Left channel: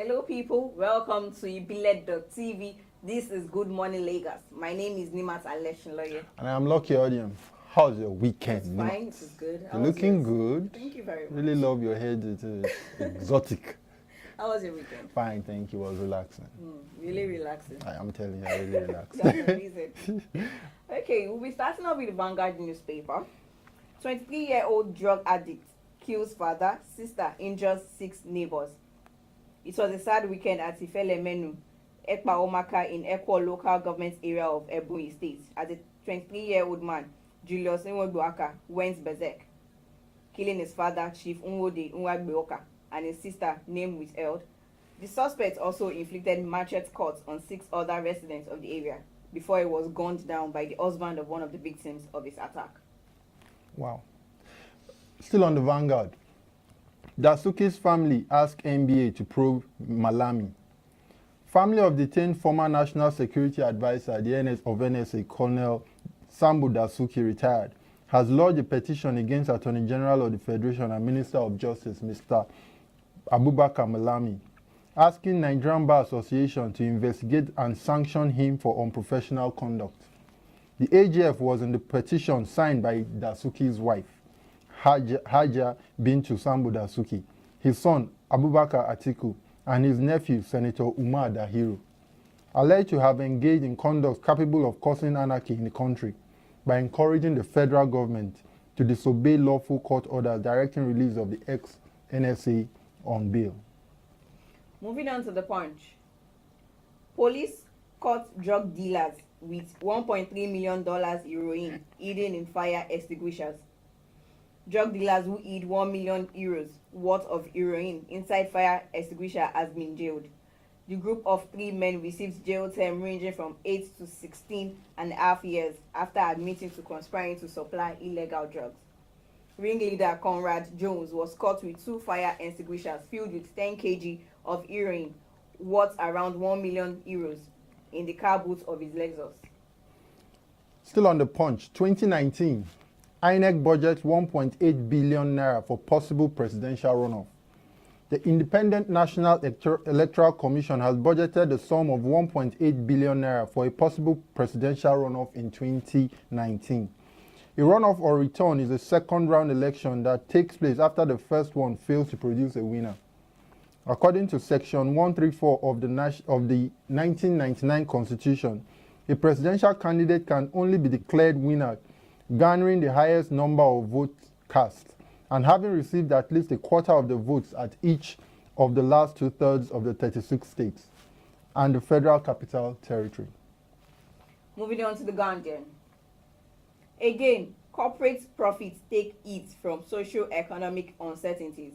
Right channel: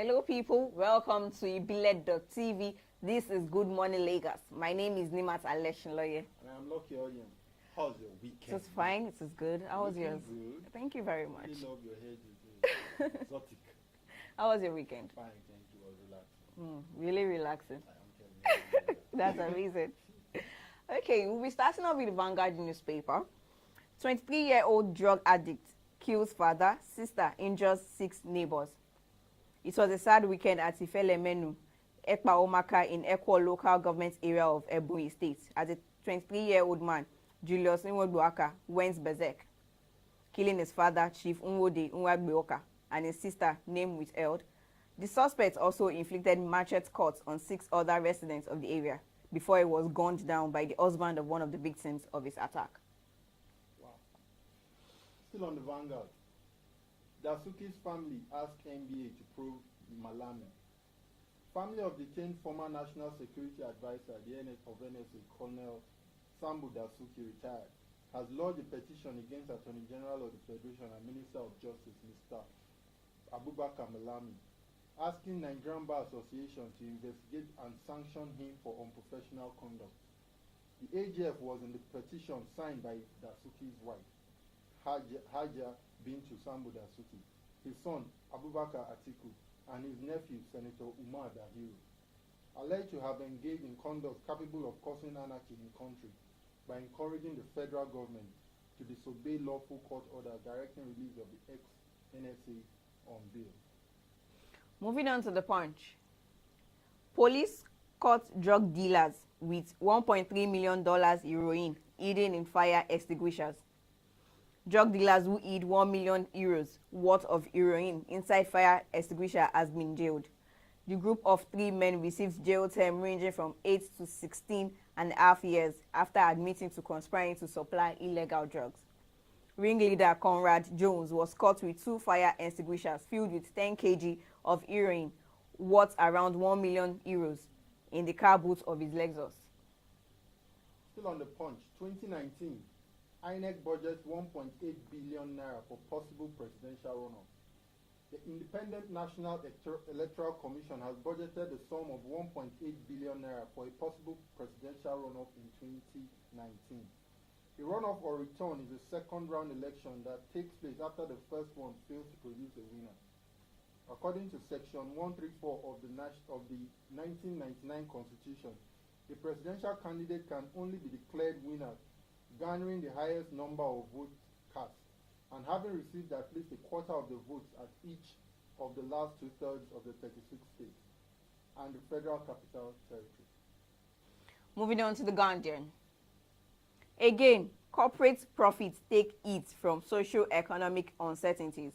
Hello, people. Welcome to Ibile.tv. This is Good Morning Lagos. My name is Nimat Aleshinloye. And I'm Lucky Audience. How's your weekend? It's fine. It is good. You're looking good. Thank you very much. Really love your head. It's exotic. How was your weekend? Fine, thank you. It was relaxing. Really relaxing. I am telling you, I really relaxed. That's the reason. Okay, we'll be starting off with the Vanguard newspaper. 23-year-old drug addict kills father, sister, injures 6 neighbors. It was a sad weekend at Ifele Menu, Ekpa Omaka in Ekwo local government area of Ebonyi State, as a 23-year-old man, Julius Nwoduaka, went berserk, killing his father, Chief Nwode Nwagbeoka, and his sister, name withheld. The suspect also inflicted machete cuts on 6 other residents of the area before he was gunned down by the husband of one of the victims of his attack. Wow. Still on the Vanguard. Dasuki's family asked NBA to probe Malami. Family of detained former National Security Advisor of NSA, Colonel Sambo Dasuki, retired, has lodged a petition against Attorney General of the Federation and Minister of Justice, Mr. Abubakar Malami, asking Nigerian Bar Association to investigate and sanction him for unprofessional conduct. The AGF was in the petition signed by Dasuki's wife, Haja Bintu Sambo Dasuki, his son Abubakar Atiku, and his nephew Senator Umar Dahiru, alleged to have engaged in conduct capable of causing anarchy in the country by encouraging the federal government to disobey lawful court orders directing release of the ex-NSA on bail. Moving on to the Punch. Police caught drug dealers with $1.3 million heroin hidden in fire extinguishers. Drug dealers who hid 1 million euros worth of heroin inside fire extinguisher has been jailed. The group of 3 men received jail term ranging from 8 to 16 and a half years after admitting to conspiring to supply illegal drugs. Ringleader Conrad Jones was caught with 2 fire extinguishers filled with 10 kg of heroin worth around 1 million euros in the car boot of his Lexus. Still on the Punch, 2019, INEC budgets 1.8 billion naira for possible presidential runoff. The Independent National Electoral Commission has budgeted the sum of 1.8 billion naira for a possible presidential runoff in 2019. A runoff or return is a second-round election that takes place after the first one fails to produce a winner. According to Section 134 of the 1999 Constitution, a presidential candidate can only be declared winner garnering the highest number of votes cast and having received at least a quarter of the votes at each of the last 2/3 of the 36 states and the Federal Capital Territory. Moving on to the Guardian. Again, corporate profits take hit from socio-economic uncertainties.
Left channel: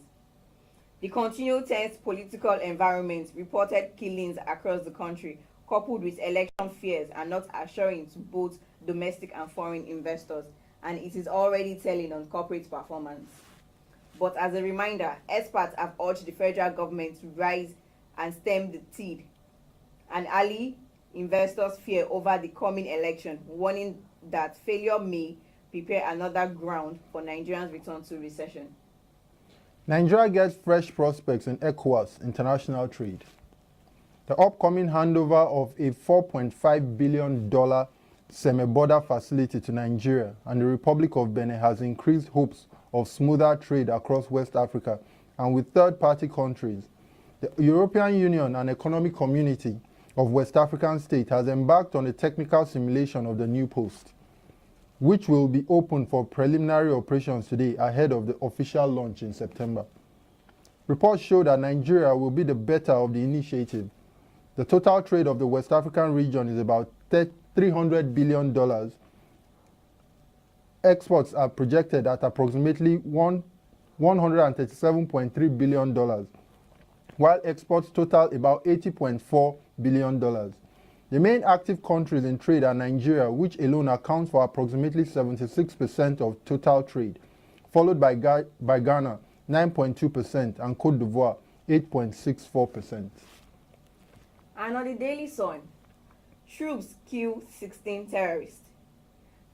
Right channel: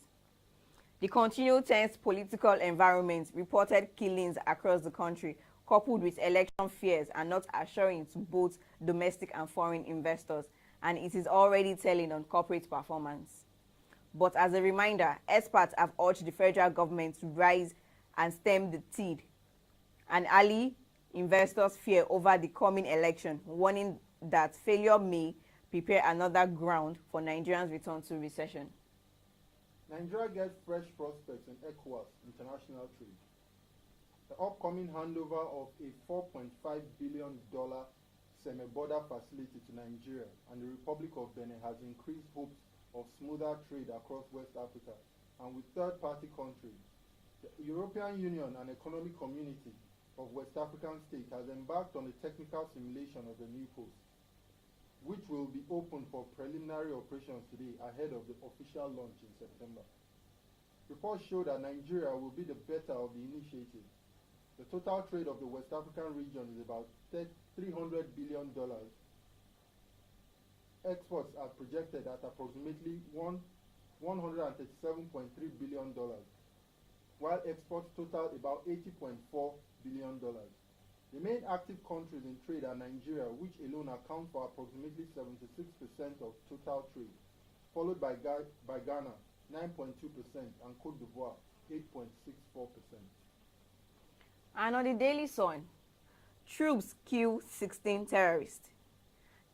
The continued tense political environment reported killings across the country, coupled with election fears, are not assuring to both domestic and foreign investors, and it is already telling on corporate performance. But as a reminder, experts have urged the federal government to rise and stem the tide, and early investors fear over the coming election, warning that failure may prepare another ground for Nigerians' return to recession. Nigeria gets fresh prospects in ECOWAS international trade. The upcoming handover of a $4.5 billion semi-border facility to Nigeria and the Republic of Benin has increased hopes of smoother trade across West Africa and with third-party countries. The European Union and Economic Community of West African States has embarked on a technical simulation of the new post, which will be open for preliminary operations today ahead of the official launch in September. Reports show that Nigeria will be the better of the initiative. The total trade of the West African region is about $300 billion. Exports are projected at approximately $137.3 billion, while exports total about $80.4 billion. The main active countries in trade are Nigeria, which alone accounts for approximately 76% of total trade, followed by Ghana, 9.2%, and Cote d'Ivoire, 8.64%. And on the Daily Sun, troops kill 16 terrorists.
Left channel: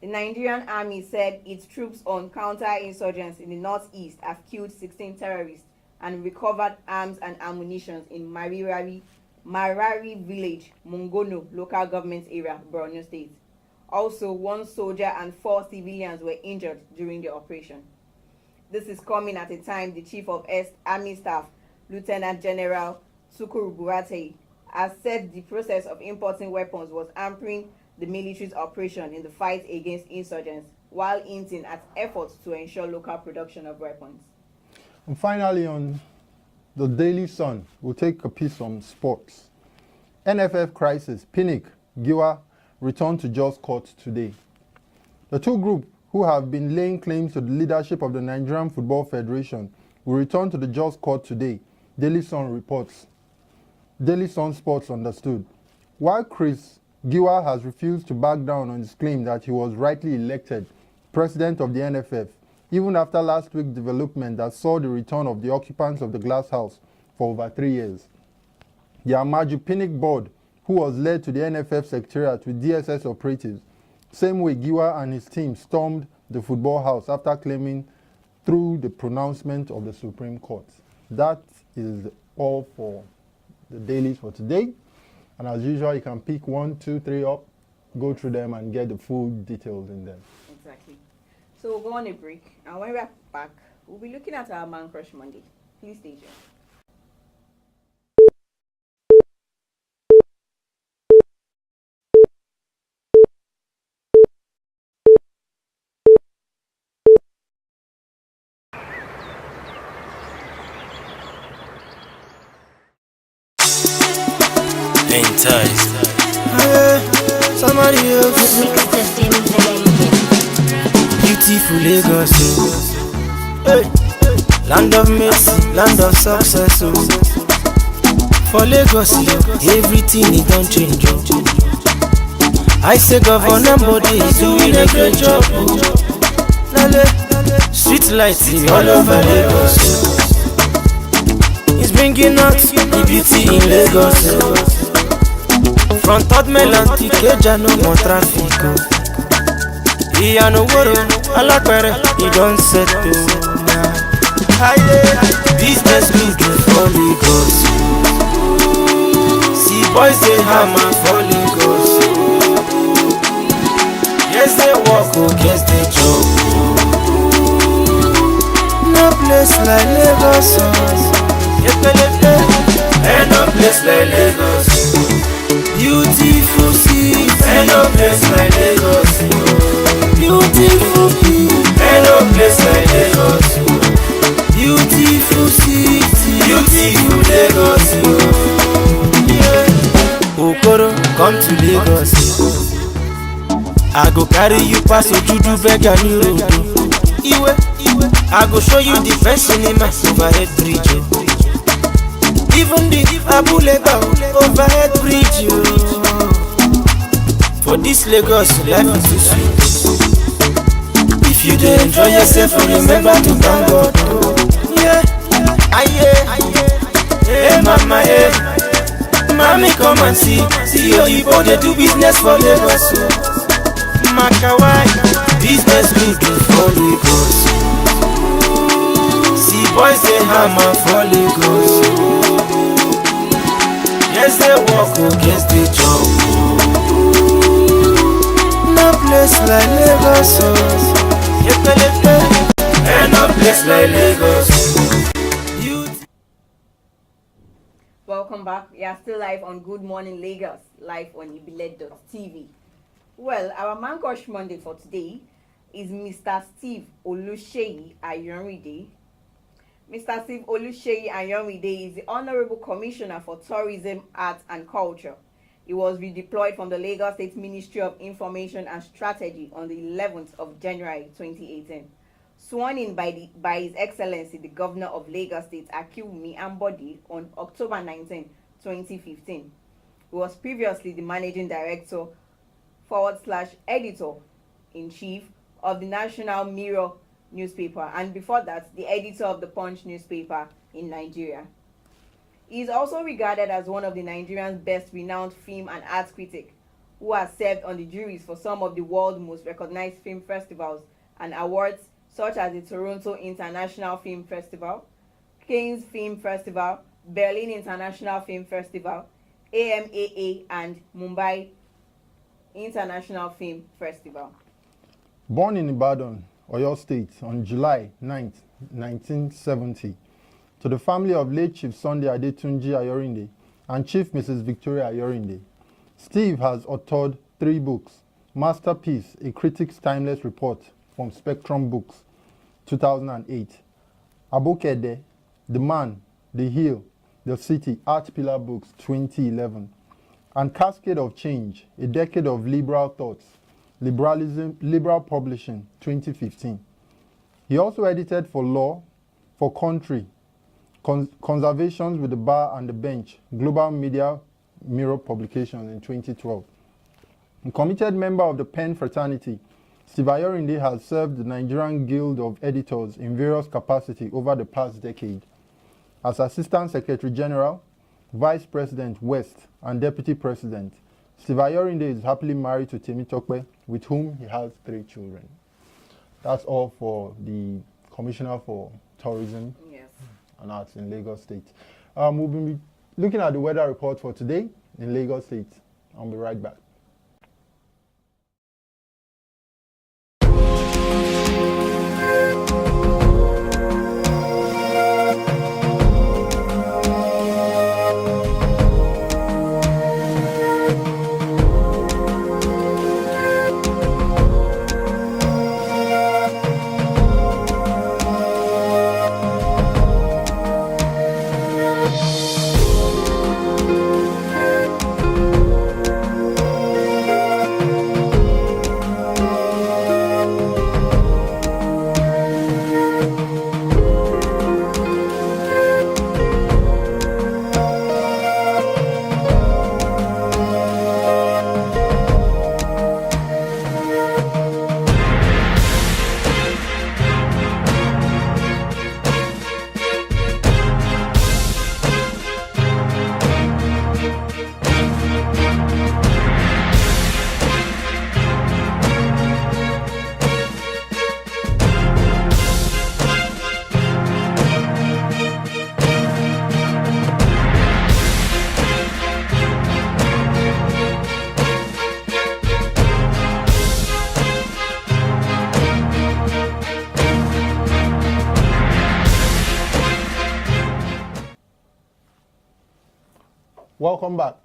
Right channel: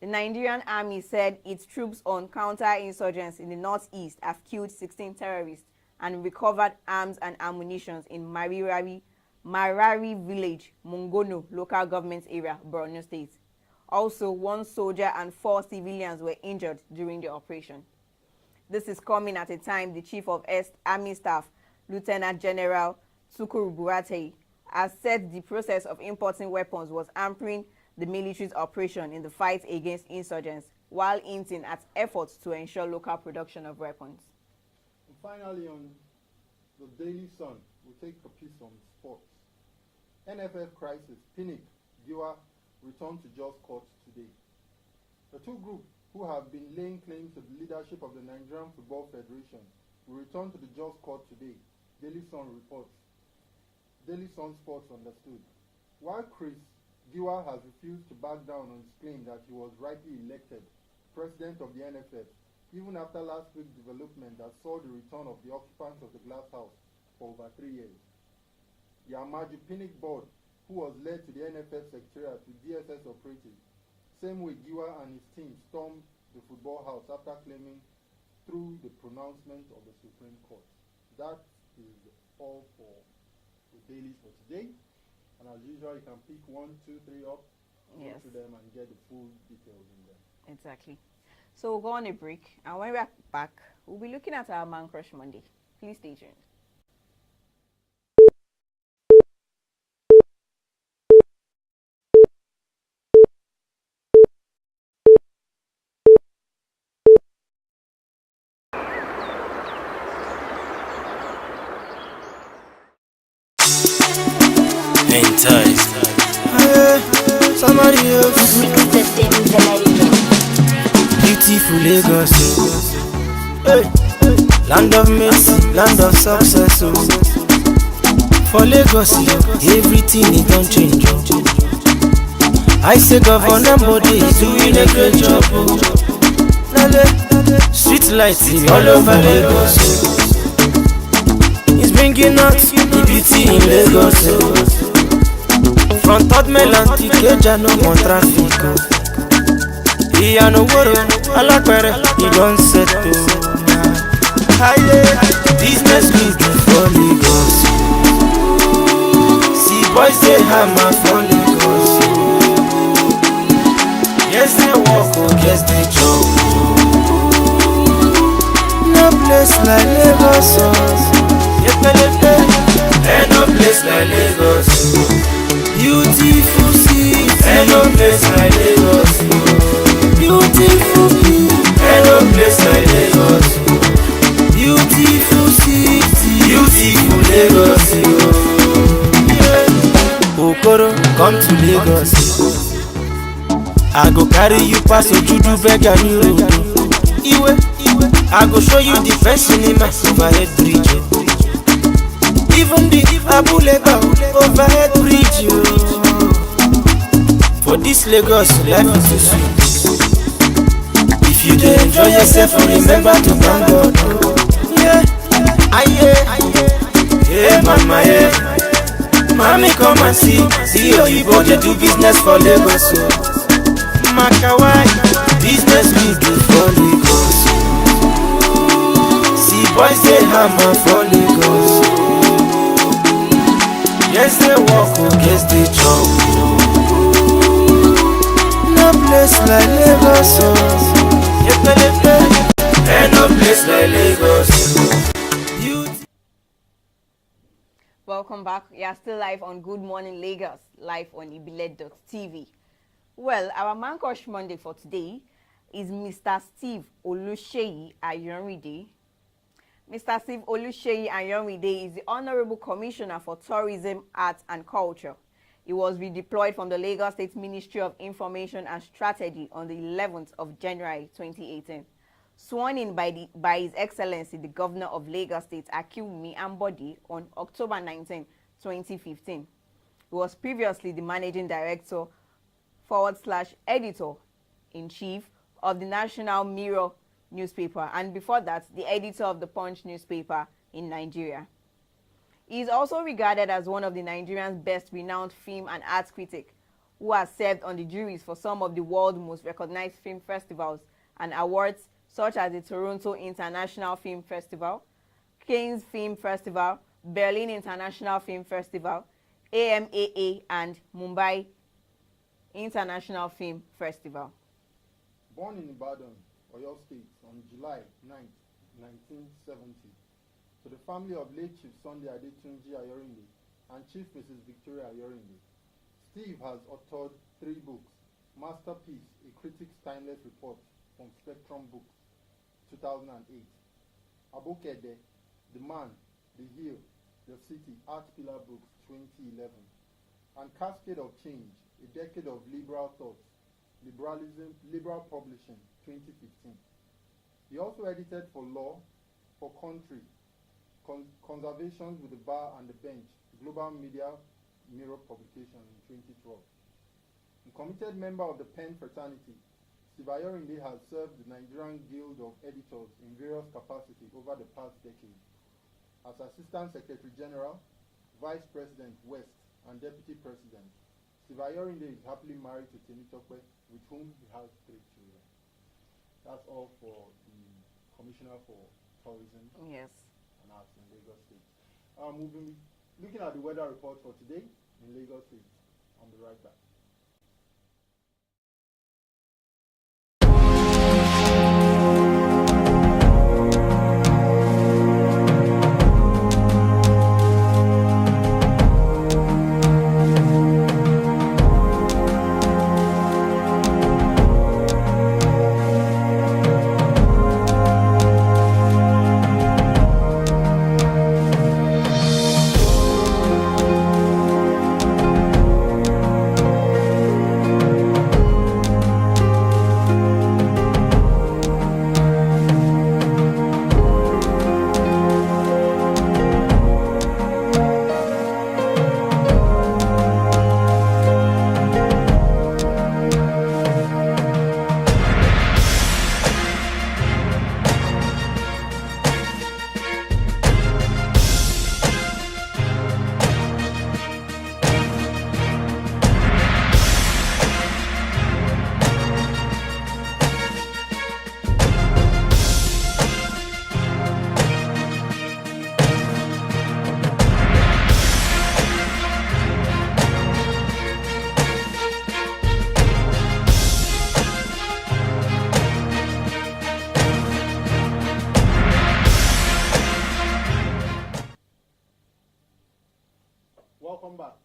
The Nigerian army said its troops on counter-insurgents in the northeast have killed 16 terrorists and recovered arms and ammunition in Marari village, Mungono local government area, Borno State. Also, 1 soldier and 4 civilians were injured during the operation. This is coming at a time the Chief of Army Staff, Lieutenant General Tukuru Buratai, has said the process of importing weapons was hampering the military's operation in the fight against insurgents, while hinting at efforts to ensure local production of weapons. And finally, on the Daily Sun, we'll take a piece on sports. NFF crisis, Pinnick, Giwa return to Jos Court today. The two groups who have been laying claims to the leadership of the Nigerian Football Federation will return to the Jos Court today, Daily Sun reports. Daily Sun Sports understood. While Chris Giwa has refused to back down on his claim that he was rightly elected president of the NFF, even after last week's development that saw the return of the occupants of the glass house for over 3 years. The Amaju Pinnick board, who was led to the NFF secretariat with DSS operatives, same way Giwa and his team stormed the football house after claiming through the pronouncement of the Supreme Court. That is all for the dailies for today. And as usual, you can pick 1, 2, 3 up, go through them and get the full details in them. Exactly. So we'll go on a break, and when we're back, we'll be looking at our Man Crush Monday. Please stay tuned. Enticed. Somebody else. Beautiful Lagos. Hey. Land of mercy, land of success. For Lagos, everything is done change. I say Governor Body is doing a great job. Street lights all over Lagos. It's bringing out the beauty in Lagos. From Third Mainland to Ikeja, no more traffic. Iyanu Woro, Alapere, he don't settle. Business good for Lagos. See boys they hammer for Lagos. Yes they walk, yes they joke. No place like Lagos. And no place like Lagos. Beautiful city, and no place like Lagos. Beautiful people, and no place like Lagos. Beautiful city, beautiful Lagos. Yeah. Okoro, come to Lagos. I go carry you past Ojudu Beggar New Road. Iwe, I go show you the best cinema overhead bridge. Even the Abuleba overhead bridge. For this Lagos, life is too sweet. If you dey enjoy yourself, remember to thank God. Yeah, hey mama, hey, mommy come and see Oyibo dey do business for Lagos. Makawai, business big for Lagos. See boys dey hammer for Lagos. Yes they walk, yes they jump. No place like Lagos. And no place like Lagos. Welcome back. We are still live on Good Morning Lagos, live on Ibile.tv. Well, our Man Crush Monday for today is Mr. Steve Oluseyi Ayanride. Mr. Steve Oluseyi Ayanride is the Honorable Commissioner for Tourism, Arts and Culture. He was redeployed from the Lagos State Ministry of Information and Strategy on the 11th of January 2018. Sworn in by His Excellency the Governor of Lagos State, Akinwumi Ambode, on October 19, 2015. He was previously the Managing Director / Editor-in-Chief of the National Mirror newspaper, and before that, the editor of the Punch newspaper in Nigeria. He is also regarded as one of the Nigerian's best renowned film and arts critics, who has served on the juries for some of the world's most recognized film festivals and awards, such as the Toronto International Film Festival, Cannes Film Festival, Berlin International Film Festival, AMAA, and Mumbai International Film Festival. Born in Ibadan, Oyo State, on July 9, 1970, to the family of late Chief Sunday Adetunji Ayorinde and Chief Mrs. Victoria Ayorinde, Steve has authored 3 books. Masterpiece, A Critic's Timeless Report from Spectrum Books, 2008. Abokede, The Man, The Hill, The City, Art Pillar Books, 2011. And Cascade of Change, A Decade of Liberal Thoughts, Liberal Publishing, 2015. He also edited for Law, for Country, Conservations with the Bar and the Bench, Global Media Mirror Publications in 2012. A committed member of the Penn fraternity, Steve Ayorinde has served the Nigerian Guild of Editors in various capacities over the past decade. As Assistant Secretary General, Vice President West, and Deputy President, Steve Ayorinde is happily married to Temitope, with whom he has 3 children. That's all for the Commissioner for Tourism and Arts in Lagos State. We'll be looking at the weather report for today in Lagos State. I'll be right back. Welcome back.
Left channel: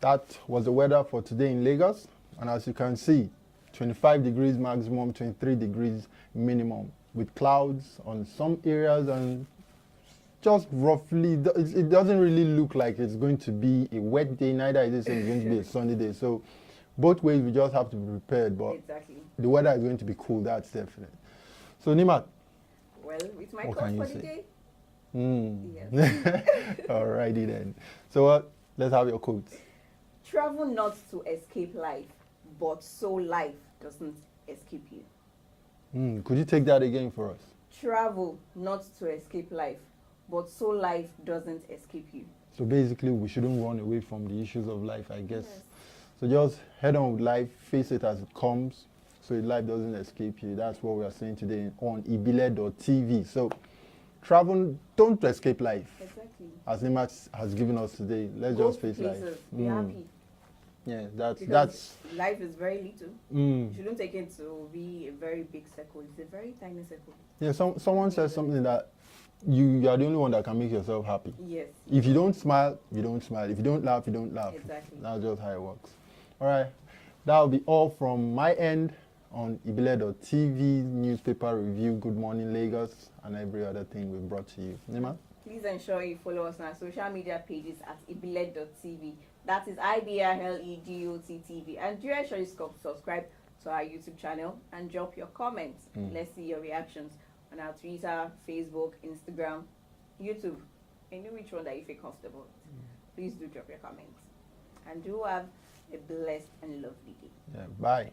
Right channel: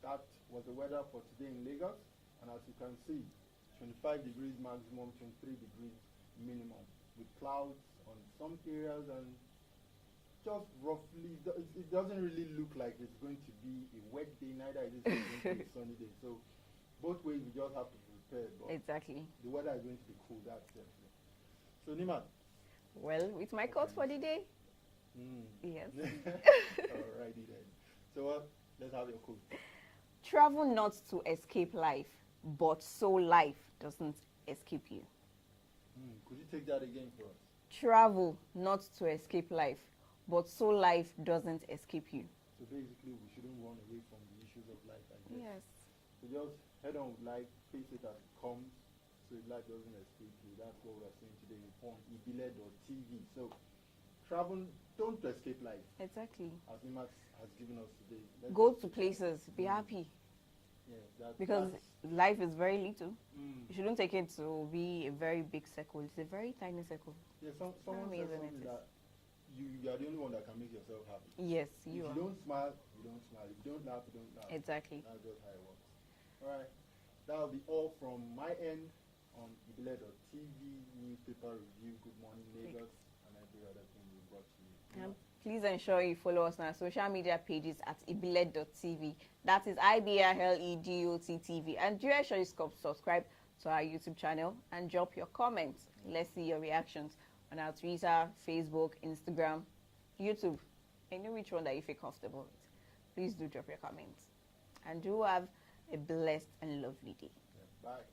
That was the weather for today in Lagos. And as you can see, 25 degrees maximum, 23 degrees minimum, with clouds on some areas and just roughly, it doesn't really look like it's going to be a wet day, neither is it saying it's going to be a sunny day. So both ways, we just have to be prepared. But the weather is going to be cool, that's definite. So Nimat. Well, with my quote for the day. Yes. Alrighty then. So let's have your quote. Travel not to escape life, but so life doesn't escape you. Could you take that again for us? Travel not to escape life, but so life doesn't escape you. So basically, we shouldn't run away from the issues of life, I guess. Yes. So just head on with life, face it as it comes, so life doesn't escape you. That's what we are saying today on ibile.tv. So travel, don't escape life. Exactly. As Nimat has given us today, let's Go just face places, life. Be happy. Yeah, because that's life is very little. You shouldn't take it to be a very big circle. It's a very tiny circle. Yeah, someone says something that you are the only one that can make yourself happy. Yes. If you don't smile, you don't smile. If you don't laugh, you don't laugh. Exactly. That's just how it works. All right. That will be all from my end on ibile.tv newspaper review, Good Morning Lagos, and every other thing we've brought to you. Nima? Please ensure you follow us on our social media pages at ibile.tv. That is IBRLEGOT-TV. And do ensure subscribe to our YouTube channel and drop your comments. Let's see your reactions on our Twitter, Facebook, Instagram, YouTube. And you which one that you feel comfortable with. Please do drop your comments. And do have a blessed and lovely day. Yeah, bye.